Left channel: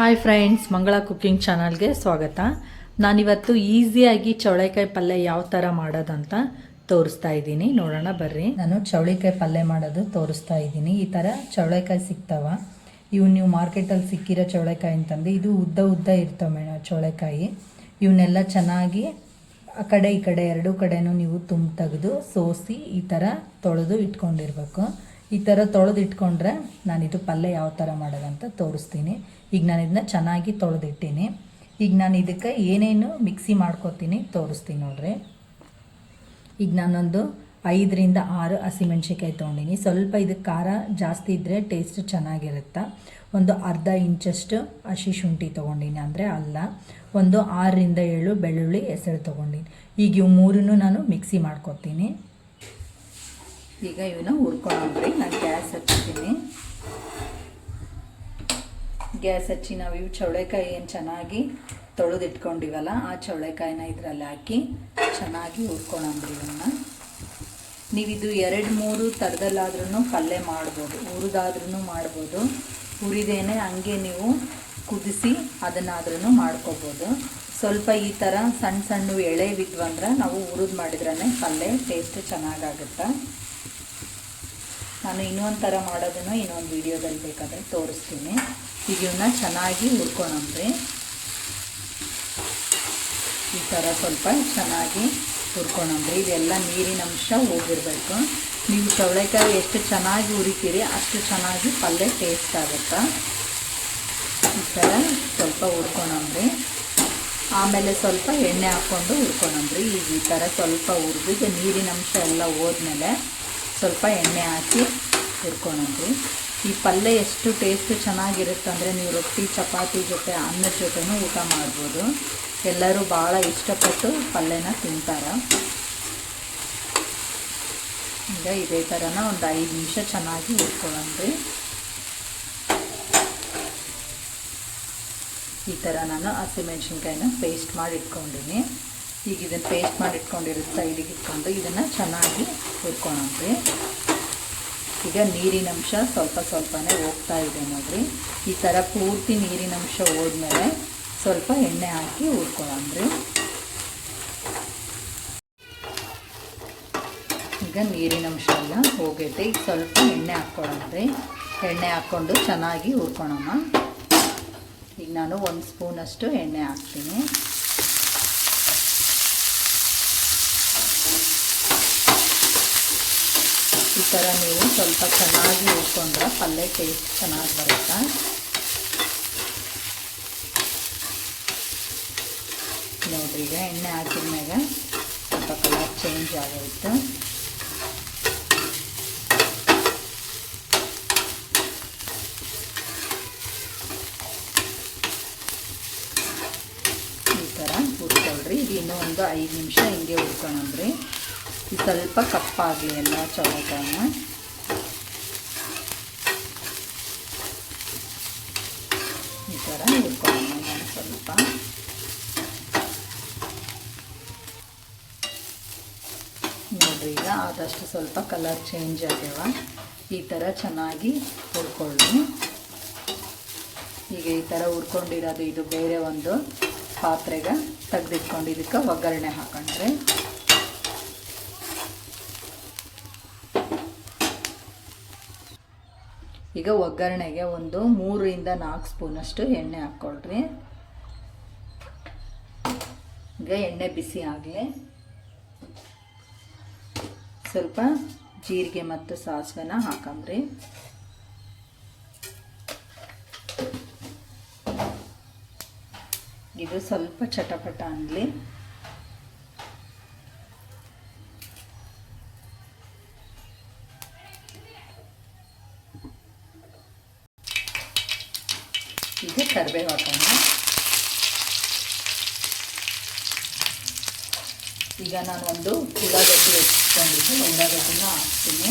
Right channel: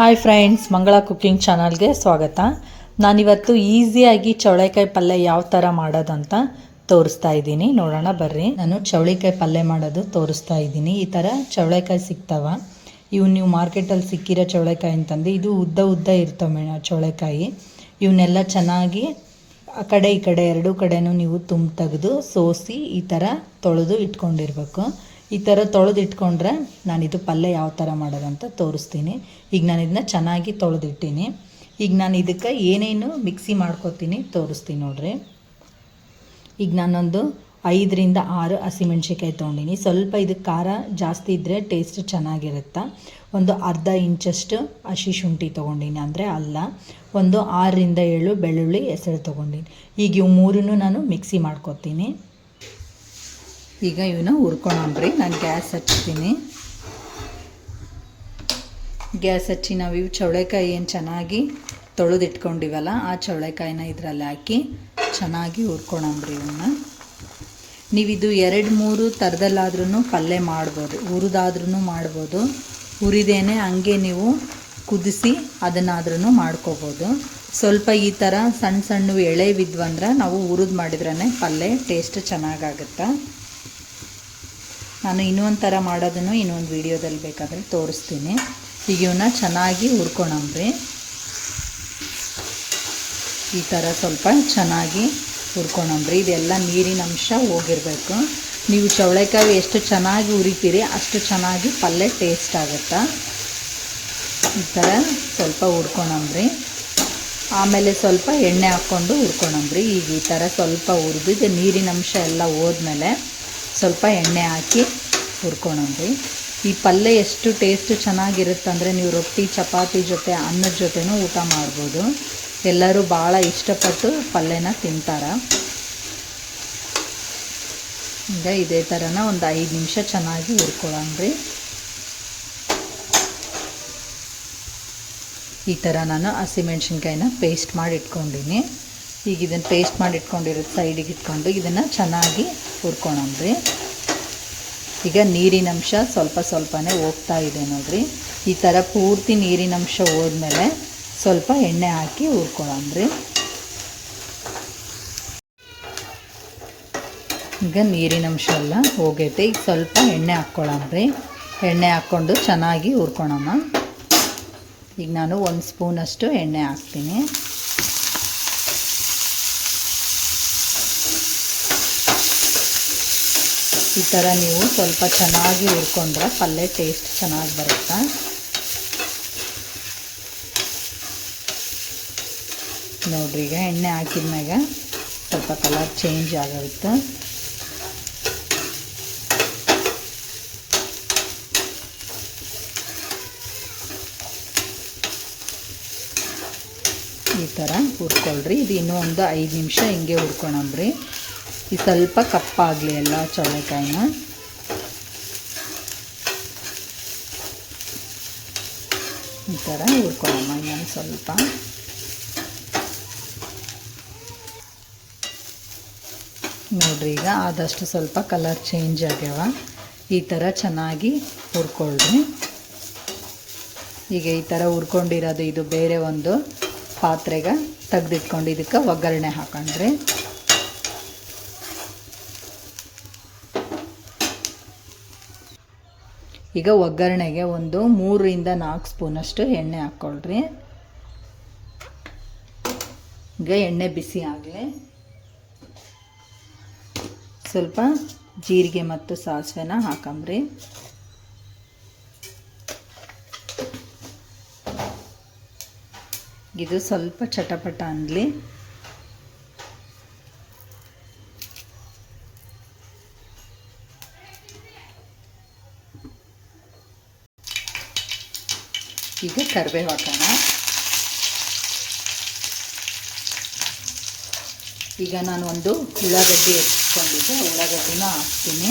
Hi friends, ಮಂಗಳ cooking ಚಾನಲ್ಗೆ ಸ್ವಾಗತ. ನಾನಿವತ್ತು ಈಸಿಯಾಗಿ ಚೌಳೆಕಾಯಿ ಪಲ್ಯ ಯಾವ ಥರ ಮಾಡೋದಂತ ತೋರಿಸ್ತಾ ಇದ್ದೀನಿ. ನೋಡೋಣ ಬರ್ರಿ. ನಾನು ಚೌಳೆಕಾಯಿ ಪಲ್ಯ ಮಾಡೋದು ತೋರಿಸ್ತಾ ಇದ್ದೀನಿ. ಈ ಥರ ಚೌಳೆಕಾಯಿ ಸಿಗ್ತಾವ. ಇವು ನೀವು ಮಾರ್ಕೆಟಲ್ಲಿ ಸಿಕ್ಕಿರೋ ಚೌಳೆಕಾಯಿ ಅಂತಂದು ಇದು ಉದ್ದ ಉದ್ದ ಇರ್ತವೆ ಚೌಳೆಕಾಯಿ. ಇವನ್ನೆಲ್ಲ ಚೆನ್ನಾಗಿ ಆ ಕಡೆ ಈ ಕಡೆ ಎರಡೂ ಕಡೆನೂ ನೀವು ತೆಗೆದು ಸೋಸಿ ಈ ಥರ ತೊಳೆದು ಇಟ್ಕೊಂಡಿರ್ಬೇಕು. ಈ ಥರ ತೊಳೆದು ಇಟ್ಕೊಂಡ್ರೆ ನಾನಿದು ಪಲ್ಯ ಯಾವ ಥರ ಮಾಡೋದಂತ ತೋರಿಸ್ತೀನಿ. ಈಗ ನಾನು ಇದನ್ನ ಚೆನ್ನಾಗಿ ತೊಳೆದಿಟ್ಟೀನಿ. ಈಗ ನಾನು ಇದಕ್ಕೆ ಏನೇನು ಮಿಕ್ಸಿ ಮಾಡ್ಕೊತೀನಿ ತೋರಿಸ್ತೀನಿ ನೋಡ್ರಿ. ಈಗ ನಾನೊಂದು 5ರಿಂದ 6 ಹಸಿಮೆಣ್ಸಿಕಾಯಿ ತೊಗೊಂಡಿನಿ. ಸ್ವಲ್ಪ ಇದಕ್ಕೆ ಖಾರ ಜಾಸ್ತಿ ಇದ್ದರೆ ಟೇಸ್ಟ್ ಚೆನ್ನಾಗಿರುತ್ತೆ. ಒಂದು ಅರ್ಧ ಇಂಚಷ್ಟು ಹಸಿ ಶುಂಠಿ ತೊಗೊಂಡಿನಿ, ಅಂದರೆ ಅಲ್ಲ. ಒಂದು 6ರಿಂದ 7 ಬೆಳ್ಳುಳ್ಳಿ ಹೆಸರು ತೊಗೊಂಡಿನಿ. ಈಗ ಇವು ಮೂರನ್ನು ನಾನು ಮಿಕ್ಸಿ ಮಾಡ್ಕೊತೀನಿ. ಈಗ ಇವನ್ನ ಹುರ್ಕೊಳ್ಳೋಣ್ರಿ. ನಾನು ಗ್ಯಾಸ್ ಹಚ್ತೀನಿ. ಗ್ಯಾಸ್ ಹಚ್ಚಿ ನಾವು ಇವು ಚೌಳೆಕಾಯಿ ಏನು ಚೆನ್ನಾಗಿ ತೊಳೆದಿಟ್ಕೊಂಡಿವಲ್ಲ ಆ ಚೌಳೆಕಾಯಿನ ಇದರಲ್ಲಿ ಹಾಕಿ ಚೆನ್ನಾಗಿ ಹುರ್ಕೊಳ್ಳೋಣ್ರಿ. ಇವನ್ನ ನೀವಿದು 2-3 ಥರದಲ್ಲಾದ್ರೂ ಪಲ್ಯ ಮಾಡ್ಬೋದು. ಹುರಿದಾದ್ರೂ ಮಾಡ್ಬೋದು, ಹುರಿದೇನೆ ಹಂಗೆ ನೀವು ಕುದಿಸಿ ಅದನ್ನಾದ್ರೂ ಮಾಡ್ಕೋಬೋದು. ಸ್ವಲ್ಪ ಈ ಥರ ಸಣ್ಣ ಸಣ್ಣ ಎಳೆ ಬಿದ್ವಂದ್ರೆ ನಾವು ಹುರಿದು ಮಾಡಿದ್ರೇ ಪಲ್ಯ ಟೇಸ್ಟ್ ಚೆನ್ನಾಗಾಗುತ್ತೆ. ನಾನು ಇನ್ನೊಂದು ಥರ ಮಾಡೋದನ್ನು ಇನ್ನೊಂದು ವಿಡಿಯೋದಲ್ಲಿ ಬೇಕಾದರೆ ತೋರಿಸ್ತೀನಿ. ಈಗ ಇವನ್ನ ಚೆನ್ನಾಗಿ ಹುರ್ಕೊಳ್ಳೋಣ್ರಿ. ಈ ಥರ ಸ್ವಲ್ಪ ಚೆನ್ನಾಗಿ ಹುರ್ಕೊಳ್ಳೋಣ್ರಿ. ಇದೆಲ್ಲ ನೀರಿನ ಅಂಶ ಹೋಗಿರಬೇಕು. ನೀವು ಚೌಳೆಕಾಯಿ ಎಷ್ಟು ಚೆನ್ನಾಗಿ ಹುರಿತೀರಿ ಅಷ್ಟು ಚೆನ್ನಾಗಿ ಪಲ್ಯ ಟೇಸ್ಟ್ ಆಗುತ್ತೆ. ಈ ಥರ ಸ್ವಲ್ಪ ಹುರ್ಕೊಳ್ಳೋಣ್ರಿ. ಆಮೇಲೆ ಸ್ವಲ್ಪ ಎಣ್ಣೆ ಹಾಕ್ಕೊಂಡು ಹುರ್ಕೊಳ್ಳೋಣ್ರಿ. ಈಗ ಈ ಥರ ಸ್ವಲ್ಪ ಹುರಿದು ಇದು ನೀರಿನ ಅಂಶ ಎಲ್ಲ ಹೋದ್ಮೇಲೆ ಸ್ವಲ್ಪ ಎಣ್ಣೆ ಹಾಕಿ ಹುರ್ಕೊಳ್ಳೋಣ್ರಿ. ಈ ಪಲ್ಯ ಎಷ್ಟು ಟೇಸ್ಟ್ ಚೆನ್ನಾಗಿರುತ್ತೆ ಅಂದರೆ ನೀವು ರೊಟ್ಟಿ ಚಪಾತಿ ಜೊತೆ ಅನ್ನದ ಜೊತೆನೂ ಊಟ ಮಾಡ್ಬೋದು. ಎಲ್ಲರೂ ಭಾಳ ಇಷ್ಟಪಟ್ಟು ಪಲ್ಯನ ತಿಂತಾರೆ. ಈಗ ಇದೇ ಥರನ ಒಂದು 5 ನಿಮಿಷ ಚೆನ್ನಾಗಿ ಹುರ್ಕೊಳ್ಳೋಣ್ರಿ. ಈ ಥರ ನಾನು ಹಸಿಮೆಣ್ಸಿನ್ಕಾಯಿನ ಪೇಸ್ಟ್ ಮಾಡಿ ಇಟ್ಕೊಂಡಿನಿ. ಈಗ ಇದನ್ನು ಪೇಸ್ಟ್ ಮಾಡಿ ಇಟ್ಕೊಂಡಿರೋದು ಸೈಡಿಗೆ ಇಟ್ಕೊಂಡು ಇದನ್ನು ಚೆನ್ನಾಗಿ ಹುರ್ಕೊಳ್ಳೋಣ್ರಿ. ಈಗ ನೀರಿನಂಶ ಸ್ವಲ್ಪ ಸ್ವಲ್ಪನೇ ಹೋಗ್ತಾ ಇದೆ ನೋಡಿರಿ. ಈ ಥರ ಪೂರ್ತಿ ನೀರಿನಂಶ ಹೋದ್ಮೇಲೆ ಸ್ವಲ್ಪ ಎಣ್ಣೆ ಹಾಕಿ ಹುರ್ಕೊಳ್ಳೋಣ್ರಿ. ಈಗ ನೀರಿನಂಶ ಎಲ್ಲ ಹೋಗೈತೆ. ಈಗ ಸ್ವಲ್ಪ ಎಣ್ಣೆ ಹಾಕ್ಕೊಳ್ಳೋಣ್ರಿ. ಎಣ್ಣೆ ಹಾಕ್ಕೊಂಡು ಚೆನ್ನಾಗಿ ಹುರ್ಕೊಳ್ಳೋಣ. ಈಗ ನಾನು 1 ಸ್ಪೂನಷ್ಟು ಎಣ್ಣೆ ಹಾಕ್ತೀನಿ. ಈ ಥರ ನೀವು ಸ್ವಲ್ಪ ಚೆನ್ನಾಗಿ ಹುರ್ಕೊಂಡ್ರೆ ಪಲ್ಯ ಟೇಸ್ಟ್ ಚೆನ್ನಾಗಿ ಬರುತ್ತೆ. ನೋಡಿರಿ, ಈಗ ಎಣ್ಣೆ ಹಾಕಿದ್ಮ್ಯಾಗ ಸ್ವಲ್ಪ ಕಲರ್ ಚೇಂಜ್ ಆಗೋಯ್ತು. ಈ ಥರ ಹುರ್ಕೊಳ್ರಿ. ಇದು ಇನ್ನೂ ಒಂದು 5 ನಿಮಿಷ ಹಿಂಗೆ ಹುರ್ಕೊಳ್ಳೋಣ್ರಿ. ಈ ಸ್ವಲ್ಪ ಕಪ್ಪಾಗಲಿ ಎಲ್ಲ ಚೌಳೆಕಾಯಿನ. ಈ ಥರ ಹುರ್ಕೊಳ್ಳೋಣ. ನಾನು ಸ್ವಲ್ಪ ನೋಡ್ರಿ, ಈಗ ಆದಷ್ಟು ಸ್ವಲ್ಪ ಕಲರ್ ಚೇಂಜ್ ಆಗ್ಯಾವ. ಈ ಥರ ಚೆನ್ನಾಗಿ ಹುರ್ಕೊಳ್ರಿ. ಈಗ ಈ ಥರ ಹುರ್ಕೊಂಡಿರೋದು ಇದು ಬೇರೆ ಒಂದು ಪಾತ್ರೆಗೆ ತೆಗೆದಿಟ್ಕೊಂಡು ಇದಕ್ಕೆ ಒಗ್ಗರಣೆ ಹಾಕೊಂಡ್ರಿ. ಈಗ ಒಗ್ಗರಣೆಗೆ ಒಂದು 3ರಿಂದ 4 ಸ್ಪೂನಷ್ಟು ಎಣ್ಣೆ ಹಾಕ್ಕೊಳ್ರಿ. ಈಗ ಎಣ್ಣೆ ಬಿಸಿ ಆಗಲಿ. ಸ್ವಲ್ಪ ಜೀರಿಗೆ ಮತ್ತು ಸಾಸಿವೆನ ಹಾಕಂಬ್ರಿ. ಇದು ಸ್ವಲ್ಪ ಚಟಪಟ ಅನ್ನಲಿ. ಈಗ ಕರಿಬೇವು ಹಾಕೋಣ. ಈಗ ನಾನು ಒಂದು ಉಳ್ಳಾಗಡ್ಡಿ ಹೆಚ್ಚಿಕೊಂಡಿದ್ದೆ, ಉಳ್ಳಾಗಡ್ಡಿನ ಹಾಕ್ತೀನಿ.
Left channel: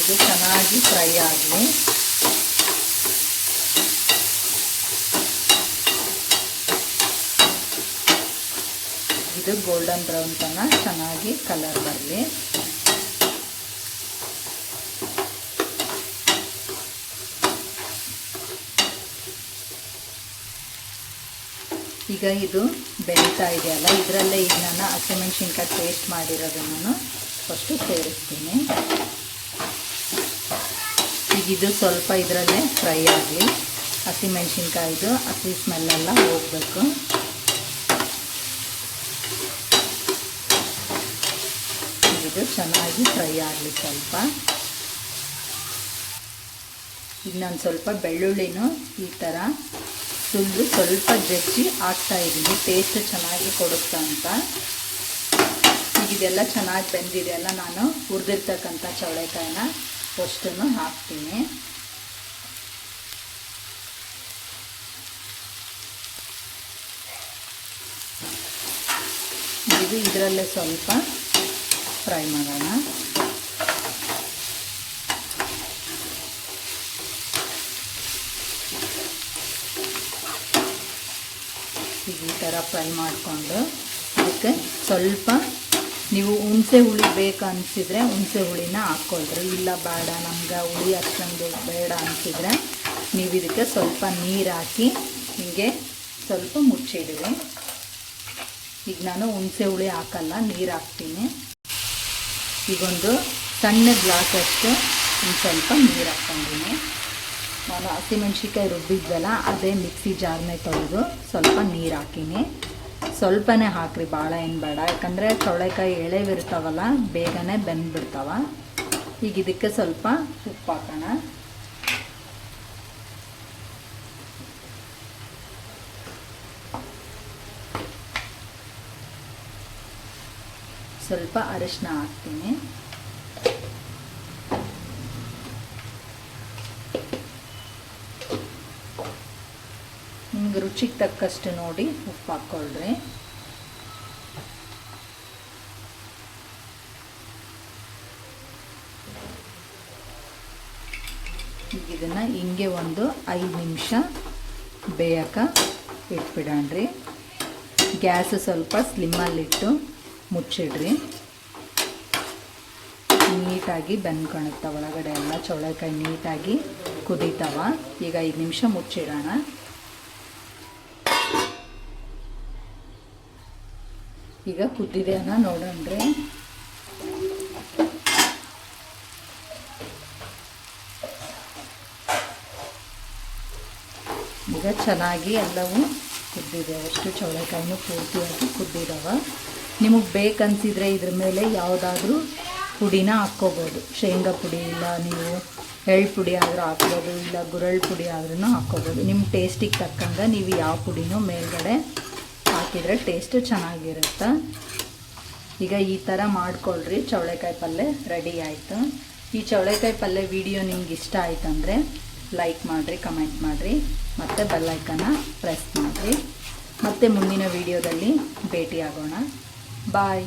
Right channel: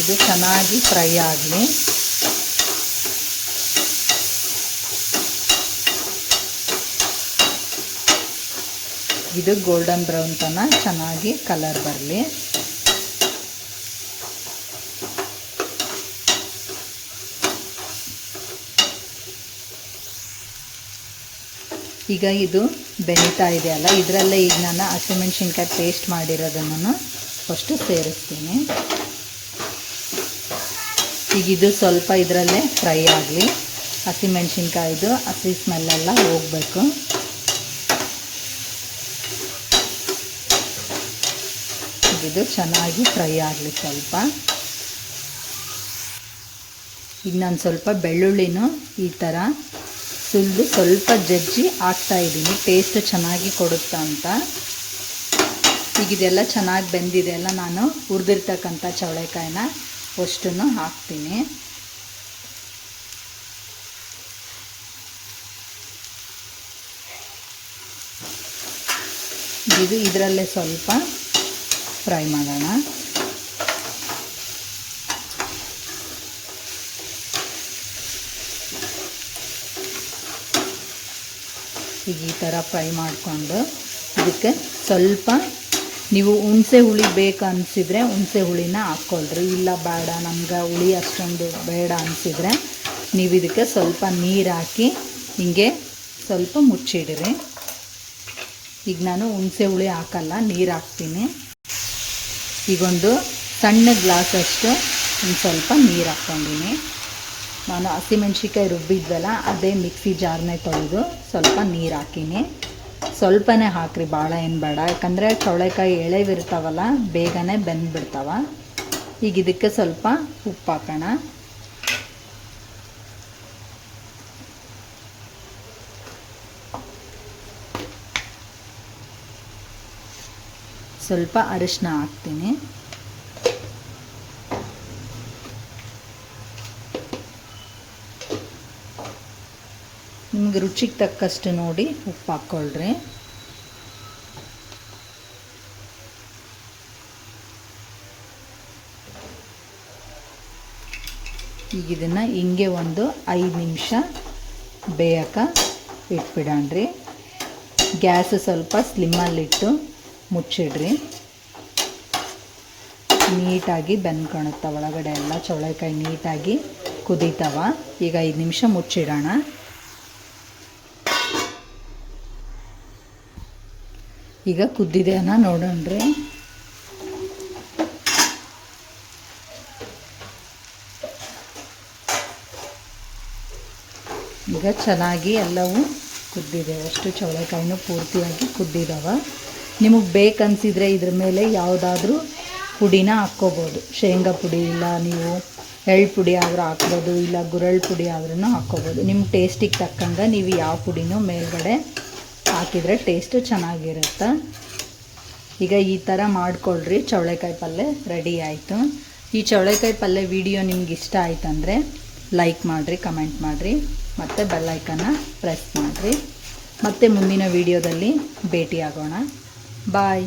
ಇದು ಚೆನ್ನಾಗಿ ಫ್ರೈ ಆಗಲಿ. ಇದು ಗೋಲ್ಡನ್ ಬ್ರೌನ್ ತನಕ ಚೆನ್ನಾಗಿ ಕಲರ್ ಬರಲಿ. ಈಗ ಇದು ಬೆಳೀತಾ ಇದೆಯಲ್ಲ, ಇದರಲ್ಲೇ ಈಗ ನಾನು ಹಸಿಮೆಣ್ಸಿನ್ಕಾಯಿ ಪೇಸ್ಟ್ ಮಾಡಿರೋದನ್ನು ಫಸ್ಟು ಸೇರಿಸ್ತೀನಿ. ಈಗ ಇದು ಸ್ವಲ್ಪ ಇದರಲ್ಲೇ ಫ್ರೈ ಆಗಲಿ. ಹಸಿಮೆಣ್ಸಿನ್ಕಾಯಿದು ಹಸಿ ಸ್ಮೆಲ್ಲೆಲ್ಲ ಹೋಗಬೇಕು. ಇದು ಚೆನ್ನಾಗಿ ಫ್ರೈ ಆಗಲಿ ಸ್ವಲ್ಪ. ಈಗ ನಾನು ಸ್ವಲ್ಪ ಬೆಳ್ಳುಳ್ಳಿನೂ ಈ ಥರ ಸುಲಿದು ಸ್ವಲ್ಪ ಜಜ್ಜಿ ಹಾಕ್ತಾಯಿದ್ದೀನಿ, ಟೇಸ್ಟ್ ಚೆನ್ನಾಗಿ ಕೊಡುತ್ತಾ ಅಂತ. ಈಗ ಇದೆಲ್ಲ ಚೆನ್ನಾಗಿ ಬೆಂದಿದೆಯಲ್ಲ, ನಾನು ಹುರಿದಿರ್ತಕ್ಕಂಥ ಚೌಳೆಕಾಯಿನ ಅಷ್ಟನ್ನು ಹಾಕ್ತೀನಿ. ಇದು ಇದರಲ್ಲೇ ಸ್ವಲ್ಪ ಫ್ರೈ ಮಾಡೋಣ. ಈಗ ಈ ಥರ ಫ್ರೈ ಮಾಡಿಕೊಂಡು ಇದಕ್ಕೆ ಸ್ವಲ್ಪ ನೀವು ಹುಣಸೆ ಹುಳಿ ಬೇಕು ಅನಿಸಿದರೆ ಹುಣಸೆ ಹುಳಿನ ಹಾಕ್ಕೊಳ್ರಿ. ಇಲ್ಲ ಬೇಡ ನಮ್ಗೆ ಹುಳಿ ಅಷ್ಟೊಂದು ಬೇಡ ಅನಿಸಿದರೆ ನೀವು ಇದಕ್ಕೆ ಸ್ವಲ್ಪ ನೀರು ಹಾಕಿ ಹಿಂಗೆ ಸ್ವಲ್ಪ ಮುಚ್ಚಿಡ್ರಿ. ಈಗ ನಾನು ಹುಣಸೆ ಹುಳಿ ಹಾಕಲ್ಲ, ನೀರು ಹಾಕ್ತೀನಿ. ಈಗೊಂದು ಸಣ್ಣ ಗ್ಲಾಸಷ್ಟು ಒಂದು ಸ್ವಲ್ಪ ನೀರು ಹಾಕ್ಕೊಂಡಿನಿ. ನಾನು ಹಸಿಮೆಣ್ಸಿಕಾಯಿ ರುಬ್ಬಿದ್ವಲ್ಲ ಅದೇ ಮಿಕ್ಸಿ ಜಾರ್ನೇ ತೊಳೆದು ಸ್ವಲ್ಪ ನೀರು ಹಾಕೀನಿ. ಸ್ವಲ್ಪನೇ ಹಾಕ್ರಿ, ಭಾಳ ಏನು ಬೇಡ, ಯಾಕಂದರೆ ಚೌಳೆಕಾಯಿ ಎಳೆವಿರ್ತಾವಲ್ಲ ಬೇಗನೆ ಬೆಂದ್ಬಿಡ್ತಾವ. ಈಗ ಇದಕ್ಕೆ ಸ್ವಲ್ಪ ಉಪ್ಪು ಹಾಕೋಣ. ಸ್ವಲ್ಪ ಅರಿಶಿನ ಹಾಕ್ತೀನಿ. ನಿಮ್ಗೆ ರುಚಿಗೆ ತಕ್ಕಷ್ಟು ನೋಡಿ ಉಪ್ಪು ಹಾಕ್ಕೊಳ್ರಿ. ಈಗ ಇದನ್ನು ಹಿಂಗೆ ಒಂದು 5 ನಿಮಿಷ ಬೇಯಕ್ಕೆ ಇಟ್ಬಿಡಣ್ರಿ. ಗ್ಯಾಸ್ ಸ್ವಲ್ಪ ಸ್ಲಿಮ್ಮಲ್ಲಿಟ್ಟು ಮುಚ್ಚಿಡ್ರಿ. ನೀಟಾಗಿ ಬೆಂದ್ಕೊಳುತ್ತೆ ಒಳಗಡೆ ಎಲ್ಲ, ಚೌಳೆಕಾಯಿ ನೀಟಾಗಿ ಕುದೀತಾವ. ಈಗ 5 ನಿಮಿಷ ಮುಚ್ಚಿಡೋಣ. ಈಗ ಕುದ್ದಿದೆಯನ್ನ ನೋಡೋಣ್ರಿ. ಈಗ ಚೆನ್ನಾಗಿ ಎಲ್ಲವೂ ಕುದ್ದಿದೆ, ಅಷ್ಟು ಚೌಳೆಕಾಯಿನೂ ಪೂರ್ತಿಯಾಗಿ ಕುದ್ದಿದ್ದಾವೆ. ನಿಮಗೆ ಬೇಕನ್ಸಿದ್ರೆ ಇದ್ರ ಮೇಲೆ ಯಾವುದಾದ್ರೂ ಪುಡಿನ ಹಾಕ್ಕೋಬೋದು. ಶೇಂಗಾ ಪುಡಿ ಇಲ್ಲ ನೀವು ಎಳ್ಳು ಪುಡಿ ಆದರೂ ಹಾಕ್ಬೋದು, ಇಲ್ಲ ಗುರೆಳ್ಳು ಪುಡಿ ಆದ್ರೂ ಹಾಕ್ಕೋಬೋದು. ನಿಮ್ಮ ಟೇಸ್ಟಿಗೆ ತಕ್ಕಂಗೆ ನೀವು ಯಾವ ಪುಡಿನೂ ಮೇಲ್ಗಡೆ ಹಾಕಿದರೆ ಟೇಸ್ಟ್ ಚೆನ್ನಾಗಿರುತ್ತೆ. ಈಗ ಈ ಥರ ಮಾಡ್ಕೊಳ್ರಿ. ಚೌಳೆಕಾಯಿ ಪಲ್ಯ ರೆಡಿ ಆಯಿತು. ಈ ಚೌಳೆಕಾಯಿ ಪಲ್ಯ ವಿಡಿಯೋ ನಿಮ್ಗೆ ಇಷ್ಟ ಆಯ್ತಂದರೆ ಲೈಕ್ ಮಾಡಿರಿ, ಕಮೆಂಟ್ ಮಾಡಿರಿ, ಮತ್ತು ಬೆಲ್ ಐಕನ್ನ ಪ್ರೆಸ್ ಮಾಡಿರಿ. ಮತ್ತೆ ಮುಂದಿನ ವಿಡಿಯೋದಲ್ಲಿ ಭೇಟಿಯಾಗೋಣ. ಬಾಯ್.